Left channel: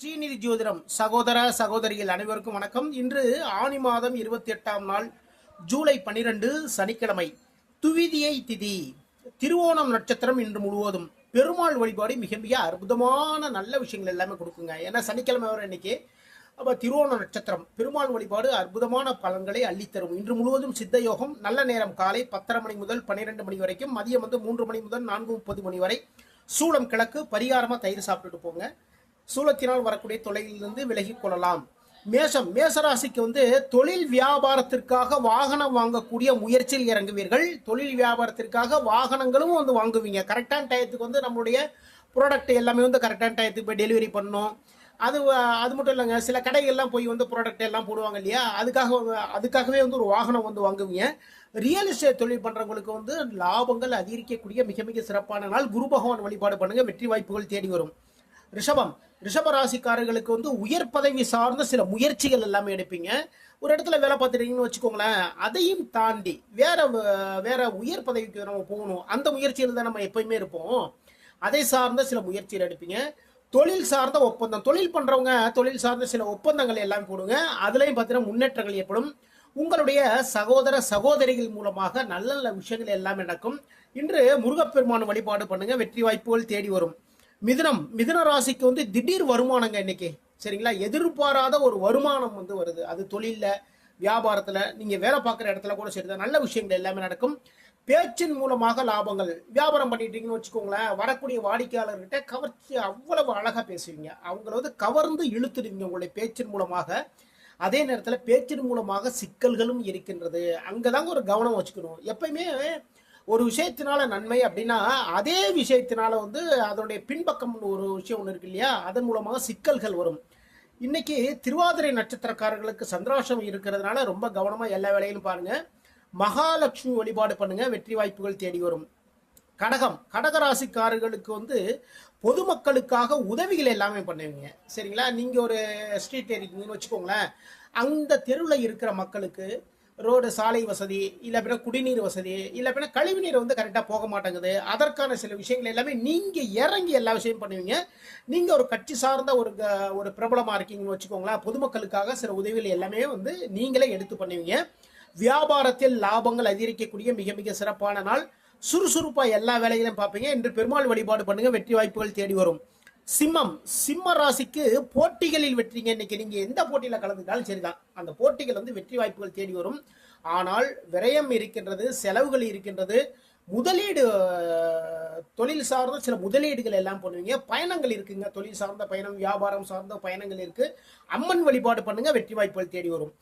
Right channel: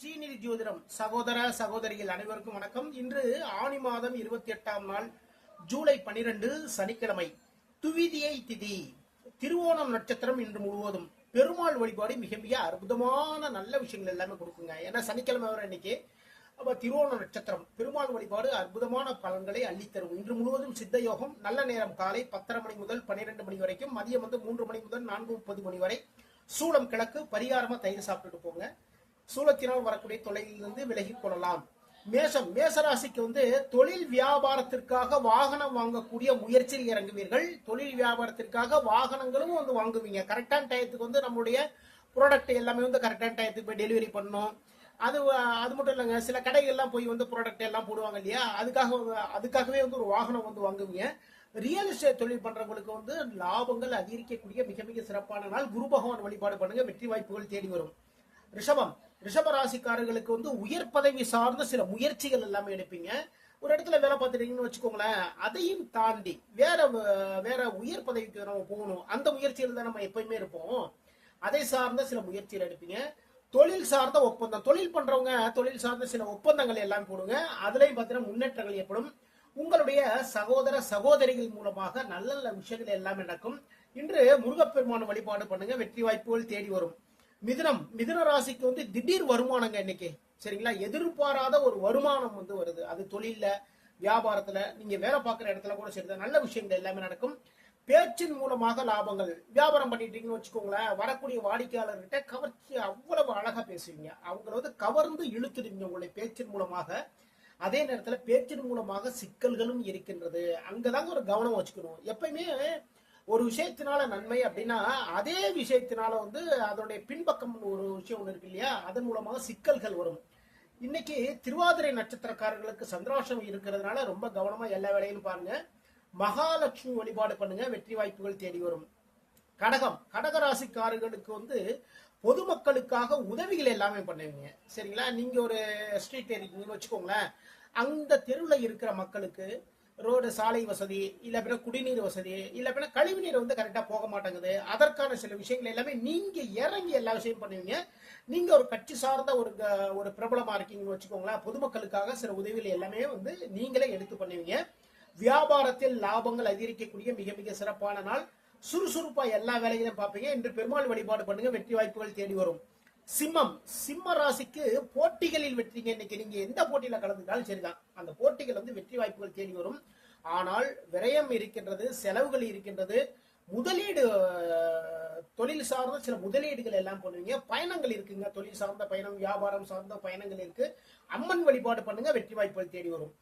ஸ்ரீநிதி ஜோதிடம் சகோதர சகோதரிகள் அனைவருக்கும் வணக்கம். இன்று ஆனி மாதம் 28ஆம் நாள் ஜூலை 12 சனிக்கிழமை, துவிதியை திதி, திருவோணம் நட்சத்திரம். இன்று முழுவதும் பெருமாள் வழிபாடு மிக மிக அற்புதமான நல்ல விஷயங்கள் எல்லாமே கொடுக்குங்க. ஏன்னா சனிக்கிழமை வர இன்னைக்கு. அப்போ திருவோண நட்சத்திரம் பெருமாள் வழிபாடு அற்புதமான பலன்களை அள்ளித்தரும். இன்று முழுவதும் சித்த யோகம். நல்ல நேரம் காலை 10:30 மணி முதல் 12 மணி வரைக்கும், மதியம் 3 மணி முதல் 4:30 மணி வரை. சூளம் கிழக்கு. பரிகாரமாக தயிர் சாப்பிட்டுட்டு போங்க. சூலத்தினால் வரக்கூடிய தொலைவிலிருந்து விலகிக் கொள்ளலாம். மேசராசிக்கு தொழில் வியாபாரத்திற்காக வாகனம் வாங்கக்கூடிய முயற்சியில் இறங்குவீர்கள். தொழில் வியாபாரத்திற்காக வாகனங்களும் வாங்குவீங்க. கரெக்டான டயத்துக்கு நம்மளுடைய ப்ராடக்ட் எல்லாமே கரெக்டான டயத்துக்கு போய் டெலிவரி பண்ணணும். அது மட்டும் இல்லைங்க, சில கடைகள்லாம் போய் ப்ராடக்ட் எல்லாம் போடுவாங்க இல்லையா, அதுக்காகவே ஒரு வாகனம் வாங்குவீங்க. ரியல் எஸ்டேட் தொழில் பண்றவங்களுக்கு லாபங்கள் அதிகரிக்கக்கூடிய மிக மிக சிறப்பான நாள். குரு பகவான் வழிபாடு பண்ணுங்க, வெற்றி வாய்ப்புகள் தேடி வரும். ரிஷப ராசிக்காரர்களுக்கு உயர் பதவி சார்ந்த சில முயற்சிகள் எல்லாமே எடுப்பீங்க. ஒரு இடத்துல வேலை பார்த்துட்டீங்கன்னு வச்சுக்கோங்களேன், அதையும் தாண்டி வேற உயர் பதவிக்கு நம்ம போகணும். அந்த முயற்சியில் தான் நம்ம எப்பயுமே இருப்போம். அதை சார்ந்த சில முயற்சிகள் எடுப்பீங்க. தொழில் சார்ந்த ஒப்பந்தம், தொழில் பண்றவங்க தொழில் சார்ந்த சில ஒப்பந்தங்கள் எல்லாம் போடுங்க. அதுலயும் பார்த்தீங்கன்னா முன்னேற்றங்கள் ஏற்படும். உங்களுடைய சகோதர சகோதரிகள் மூலமாக நல்ல நல்ல விஷயங்கள் எல்லாமே நடக்கும். இன்று முருகப்பெருமான் வழிபாடு பண்ணுங்க, வெற்றி வாய்ப்புகள் தேடி வரும். மிதுன ராசிக்கு திடீர் வருமானங்க இன்னைக்கு. சரிங்களா, எதிர்பாராத ஒரு வருமானம் வருது. அது தொழில, வியாபாரத்துல, நீங்க வேலை பார்க்குற இடத்துல கூட சரிதான், நல்ல விஷயங்கள் எல்லாமே நடக்கும். பேச்சின் மூலமாக லாபங்கள். வியாபாரம் பண்ணிட்டீங்கன்னு வச்சுக்கோங்களேன், வரக்கூடிய வாடிக்கையாளர்கிட்ட கவர்ச்சி அவ்வளவு அழகா பேசுவீங்க. அவங்கள கவர்ந்து இழுத்துடுவீங்க உங்களுடைய பேச்சின் மூலமாக. அதே நேரத்தில் பேச்சின் மூலமாக சிக்கல்களும் இருக்கின்றது. அங்கதாங்க ஒரு கவனம் வச்சுக்கணும். எப்பயுமே ஒரு விஷயத்தினால நன்மை அப்படின்னா அதே விஷயத்தினால அதனுடைய பின்பக்கம் ஒரு விஷயம் ஒன்று இருக்கு இல்லையா, அதன் மூலமாக சிக்கல்கள் வரும். இன்னைக்கு திருவாதிரை நட்சத்திரக்காரர்களுக்கு சந்திராஷ்டமம் இருக்கிறதுனால ரொம்ப கவனமா எல்லா வேலையிலும் பாருங்க. மகாலட்சுமி வழிபாடு பண்ணுங்க, வெற்றி வாய்ப்புகள் தேடி வரும். கடகராசிக்காரர்களுக்கு பொதுமக்களுக்காக உதவிகள் எல்லாமே பண்ணுவீங்க. சரிங்களா, நீங்க ஒரு ஸ்ட்ரீட் இருக்கீங்கன்னு வச்சுக்கோங்களேன், அந்த தெருவில் இருக்கிற மக்களுக்கு ரோடு, சாலை வசதி, இல்லை அப்படின்னா குடிநீர் வசதி, இல்லை அப்படின்னா கழிவுநீர் கரெக்டாக போக மாட்டேங்குது, அதற்கான சில விஷயங்கள் எல்லாமே நீங்க இறங்கி எல்லா விஷயம் பண்ணுவீங்க. நீங்க ஒரு கட்சி சார்ந்த ஒரு பிரபலமா இருக்கீங்கன்னு வச்சுக்கோங்களேன், பொதுமக்களுக்காக சில உதவிகள் எல்லாமே நீங்களே எடுத்து பண்ணுவீங்க. வியாபாரத்தில் லாபங்கள் அதிகரிக்கக்கூடிய மிக மிக சிறப்பான நாள். சுறுசுறுப்பா எல்லா வேலைகளையும் பார்ப்பீங்க. இன்று பெருமாள் வழிபாடு பண்ணுங்க, வெற்றி வாய்ப்புகள் தேடி வரும். சிம்ம ராசிக்கு போட்டிகளில் வெற்றிங்க. இன்னைக்கு நீங்க எந்த போட்டியில கலந்துட்டாலும் சரிதான், அந்த போட்டிகள் வெற்றி வாய்ப்புகள் தேடி வரும். ஆனால் விரயம் இருக்கின்றது, செலவுகள் இருக்கின்றது. முதலீடு, தொழில் சார்ந்த சில முதலீடுகள் எல்லாம் பண்ணுவீங்க. பயணங்கள் இருக்குங்க, தொழில் சார்ந்த பயணம், வியாபாரம் சார்ந்த பயணங்கள் இருக்கு. அம்மன் வழிபாடு பண்ணுங்க, வெற்றி வாய்ப்புகள் தேடி வரும்.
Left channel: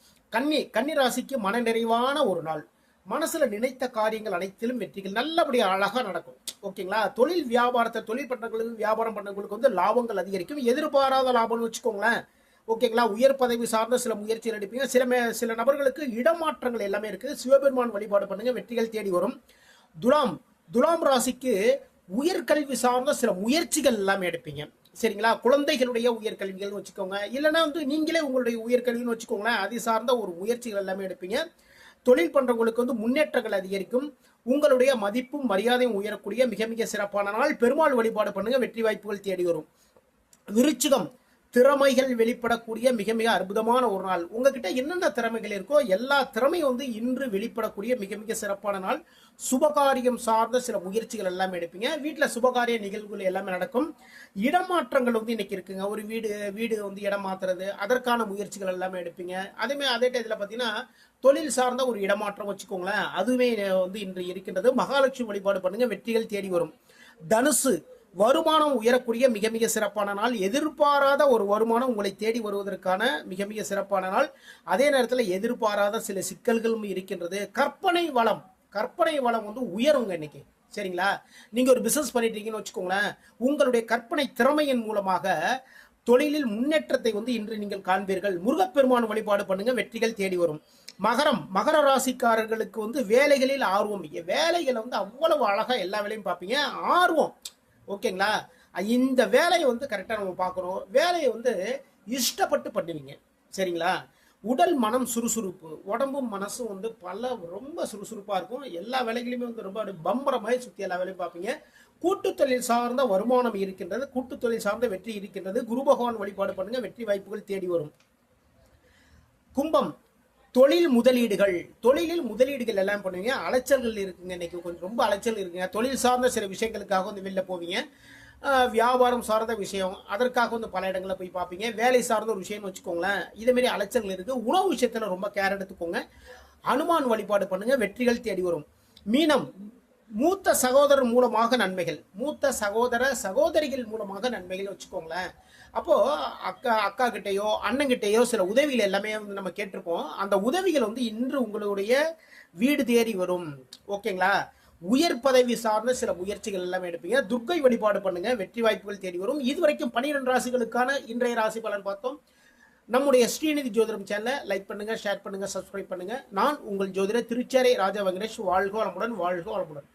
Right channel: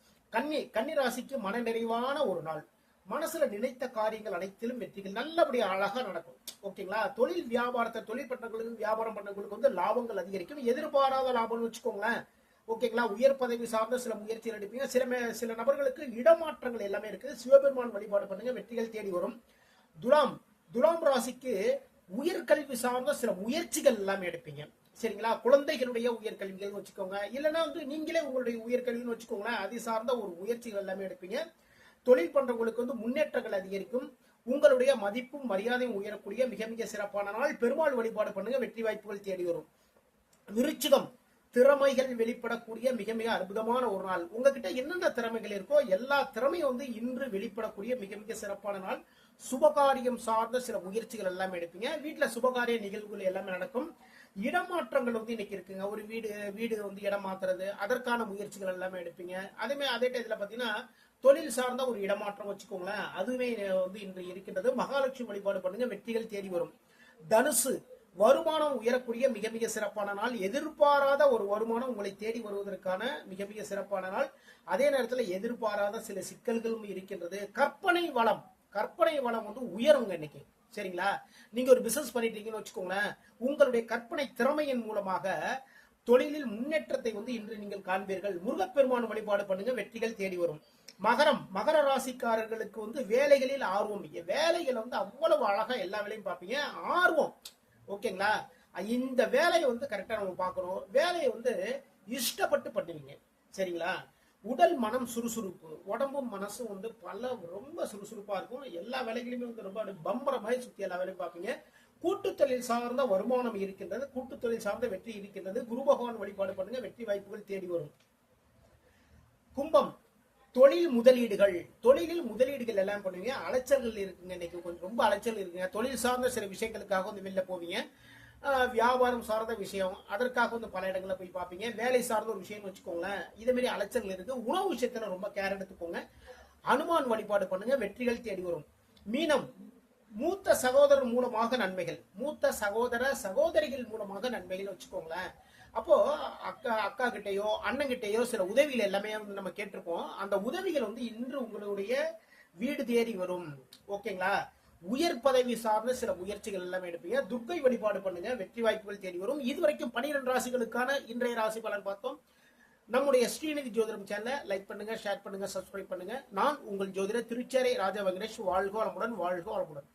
கன்னி ராசிக்கு மன நிறைவான ஒரு நாள். மனசுல நினைத்த காரியங்கள் அனைத்திலும் வெற்றிகள் நல்லபடியா அழகா நடக்கும். ஓகேங்களா, தொழில் பண்றவங்களுக்கு, வியாபாரம் பண்றவங்களுக்கு லாபங்கள் அதிகரிக்கும். எதிர்பாராத லாபம்னு வச்சுக்கோங்களேன். ஓகேங்களா, உயர் பதவி சார்ந்த சில முயற்சிகள் எடுப்பீங்க. சில நபர்களுக்கு இடமாற்றங்கள் எல்லாமே இருக்கு. சிவபெருமான் வழிபாடு பண்ணுங்க, வெற்றிகள் தேடி வரும். துலாம் ராசிக்கு உயர்கல்வி சார்ந்த சில முயற்சிகள் எல்லாமே எடுப்பீங்க. சரிங்களா, குழந்தைகளுடைய உயர்கல்விகள் வச்சுக்கோங்க, இல்லைன்னா நீங்களே உங்களுடைய உயர்கல்வின்னு வச்சுக்கோங்களேன், அது சார்ந்த ஒரு முயற்சிகள் எல்லாமே எடுப்பீங்க. தொழில் பண்றவங்களுக்கு முன்னேற்றங்கள் அதிகரிக்கும். உங்களுடைய மதிப்பும் மரியாதையும் உயரக்கூடிய மிக மிக சிறப்பான நாள். பெருமாள் வழிபாடு பண்ணுங்க, வெற்றி வாய்ப்புகள் தேடி வரும். விருச்சிகம், திறமைகள் வெளிப்படக்கூடிய மிக மிக அற்புதமான ஒரு நாள். உங்ககிட்ட என்னென்ன திறமைகள் இருக்கோ எல்லா திறமையும் இன்று வெளிப்படக்கூடிய மிக மிக சிறப்பான நாள். சுபகாரியம் சார்ந்த சில முயற்சிகள் எல்லாமே எடுப்பீங்க. வீட்டுல சுபகாரிய நிகழ்வுகள் எல்லாமே நடக்கும். இடமாற்றங்கள் இன்னைக்கு இருக்குங்க. ஒரு வீடு இடம் மாத்துறது, அதற்கான முயற்சிகள் எல்லாமே எடுப்பீங்க. அதே டயத்துல பாத்தீங்கன்னா தொழில் சார்ந்த ஒரு இடமாற்றம் வச்சுக்கோங்களேன், அதுவே இன்று இருக்கின்றது. மகாலட்சுமி வழிபாடு பண்ணுங்க, வெற்றிகள் தேடி வரும். தனுசு, வருமானம் உயரக்கூடிய மிக மிக சிறப்பான நாள். எதிர்பாராத ஒரு வருமானம் உங்களை தேடி வருவதற்கான மிக மிக சிறப்பான நாள். அதே நேரத்தில் எதிர்பாராத சில சிக்கல்களும் இருக்கின்றது. கற்பனை வளம் உயருங்க இன்னைக்கு. சரிங்களா, நீங்க ஒரு பிசினஸ் பண்ணிட்டீங்கன்னு வச்சுக்கோங்களேன், உங்களுடைய கற்பனை திறமையின் மூலமாக தொழிலில் முன்னேற்றத்தை இன்று நீங்கள் காண்பீர்கள். முருகப்பெருமான் வழிபாடு பண்ணுங்க, வெற்றிகள் தேடி வரும். மகர ராசிக்காரர்களுக்கு வேலைகளில் ஆர்வம். வேலைகளை அவ்வளவு அழகா எல்லா வேலையும் பார்ப்பீங்க. ஆர்வம். ஓகேங்களா, இந்த வேலையை கரெக்டா நம்ம பார்க்கணும். வேலையை இஷ்டப்பட்டு பண்ணுவீங்க. சரிங்களா, உடல் மனம் சுறுசுறுப்பு, உடம்பும் மனசும் ரொம்ப சுறுசுறுப்பா இருக்கும். எல்லா வேலைகளையுமே ரொம்ப பம்பர மாதிரி சுத்தி எல்லா வேலையும் பார்ப்பீங்க. கூட்டு தொழில் சார்ந்த வருமானம் இருக்கின்றது, கூட்டு தொழில் சார்ந்த வெற்றி இருக்கின்றது. குரு பகவான் வழிபாடு பண்ணுங்க, வெற்றி வாய்ப்புகள் தேடி வரும். கும்பம், தொழில் முதலீடுகள், தொழிலில் முதலீடுகள் எல்லாம் பண்ணுவீங்க. அலைச்சல்கள் இருக்குங்க, இன்னைக்கு கொஞ்சம் ரொம்ப அலைச்சல் இருக்குங்க. தொழில் சார்ந்த சில விஷயங்களுக்காக வந்து வெளில போவீங்க. வியாபாரம் சார்ந்த விஷயம், அதற்காக வந்து பல இடங்களில் போய் பார்ப்பீங்க. வேலை சார்ந்த ஒரு விஷயம்னு வச்சுக்கோங்களேன், இதேமாரி அலைச்சல்கள் இருக்கு. உணவு விஷயத்துல ரொம்ப கேர் எடுத்துக்கோங்க. அனுமான் வழிபாடு பண்ணுங்க, வெற்றிகள் தேடி வரும். மீனம், மூத்த சகோதரர் மூலமாக நன்மைகள், மூத்த சகோதர சகோதரிகள் மூலமாக நன்மைகள் வச்சுக்கோங்களேன். அப்போ அக்கா கிட்டேயோ அண்ணன் கிட்டேயோ சில உதவிகள் எல்லாமே வந்து நம்ம கேட்டிருப்போம். அந்த உதவிகள் வந்து இன்று உங்களுடைய வீடு தேடி வரும். ஓகேங்களா? உயர் பதவி சார்ந்த சில முயற்சிகள் எல்லாமே எடுப்பீங்க. துர்க்கை வழிபாடு பண்ணுங்க, வெற்றி வாய்ப்புகள் தேடி வரும். இதுவரைக்கும் 12 ராசிகளுக்கான இன்றைய ராசி பலன் பார்த்தோம். நம்முடைய ஸ்ரீநிதி ஜோதிடம் சேனலை லைக் பண்ணுங்க, ஷேர் பண்ணுங்க, சப்ஸ்கிரைப் பண்ணுங்க. நான் உங்கள் ஜோதிடர் திருச்சேரை ராஜா வெங்கடேஷ். வாழ்க வளமுடன், வாழ்க வளமுடன்.